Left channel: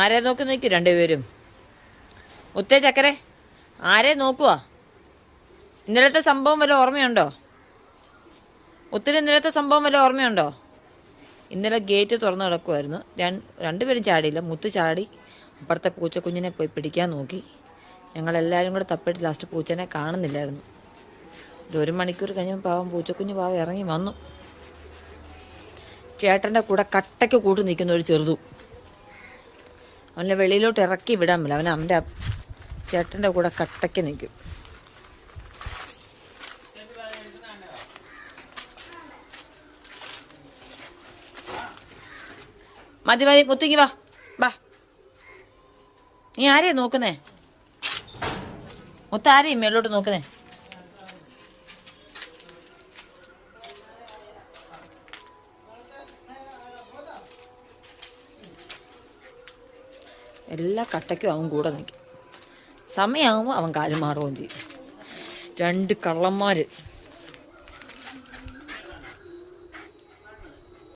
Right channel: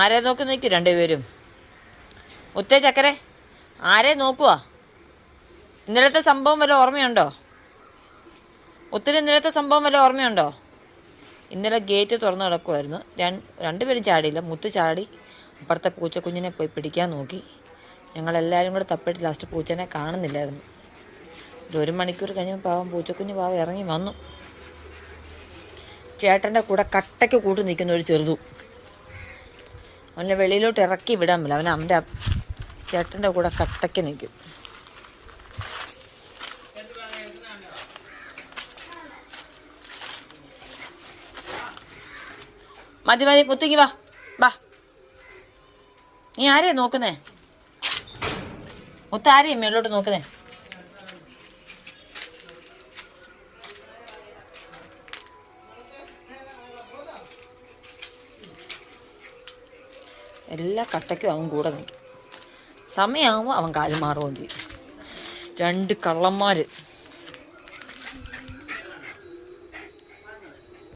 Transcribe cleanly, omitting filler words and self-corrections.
ആരെ നോക്കി നിൽക്കും രണ്ടുപേരും? മുത്തേ ചക്കരെ, ആരെ നോക്കുവാ? ഇന്നലത്തെ സംഭവം വല്ല ഓർമ്മയുണ്ടോ? ഒത്തിരി ഇന്നലത്തെ സംഭവം വല്ല ഓർമ്മയുണ്ടോ? ഇന്നലെ ഗേറ്റ് തുറന്നു കിടക്കുമായിരുന്നു. രണ്ടുപേരും ചാടിയില്ല. മുത്ത് ചാടി അപ്പുറത്തെ പൂച്ചക്കുഞ്ഞിനെ പോയി പിടിക്കാൻ നോക്കി. ഞങ്ങളെല്ലാവരും കൂടെ തപ്പിട്ട് ലാസ്റ്റ് പൂച്ചനെ കാണുന്നില്ലായിരുന്നു. ഒരു മണിക്കൂർ കഴിഞ്ഞ് പാവം പൂച്ചക്കുഞ്ഞ് പാവം ഇറങ്ങി വന്നു. ചേട്ടൻ്റെ കൂടെ കട്ടയ്ക്ക് കൂട്ടി നിൽക്കുന്ന ഒരു ചെറുതു. അവനെ വെളിയിലോട്ട് ഇറക്കി വിടാൻ പറ്റില്ല. അവൻ അവൻ്റെ ചേട്ടൻ്റെ കൂടെ കട്ടയ്ക്ക് നിൽക്കും. മതി മതി, മുത്തേക്ക് വാ വാ. നീ ആരെയാ നോക്കുന്നേ? മുത്ത ആരെയും മേലോട്ട് നോക്കുന്നേ? എല്ലാ കട്ടയ്ക്കും അവൻ കൂടെ നിൽക്കും. സമയമാകുമ്പോൾ അവൻ കാല് മാറുകയും ചെയ്യും. രണ്ട് കള്ളന്മാർ.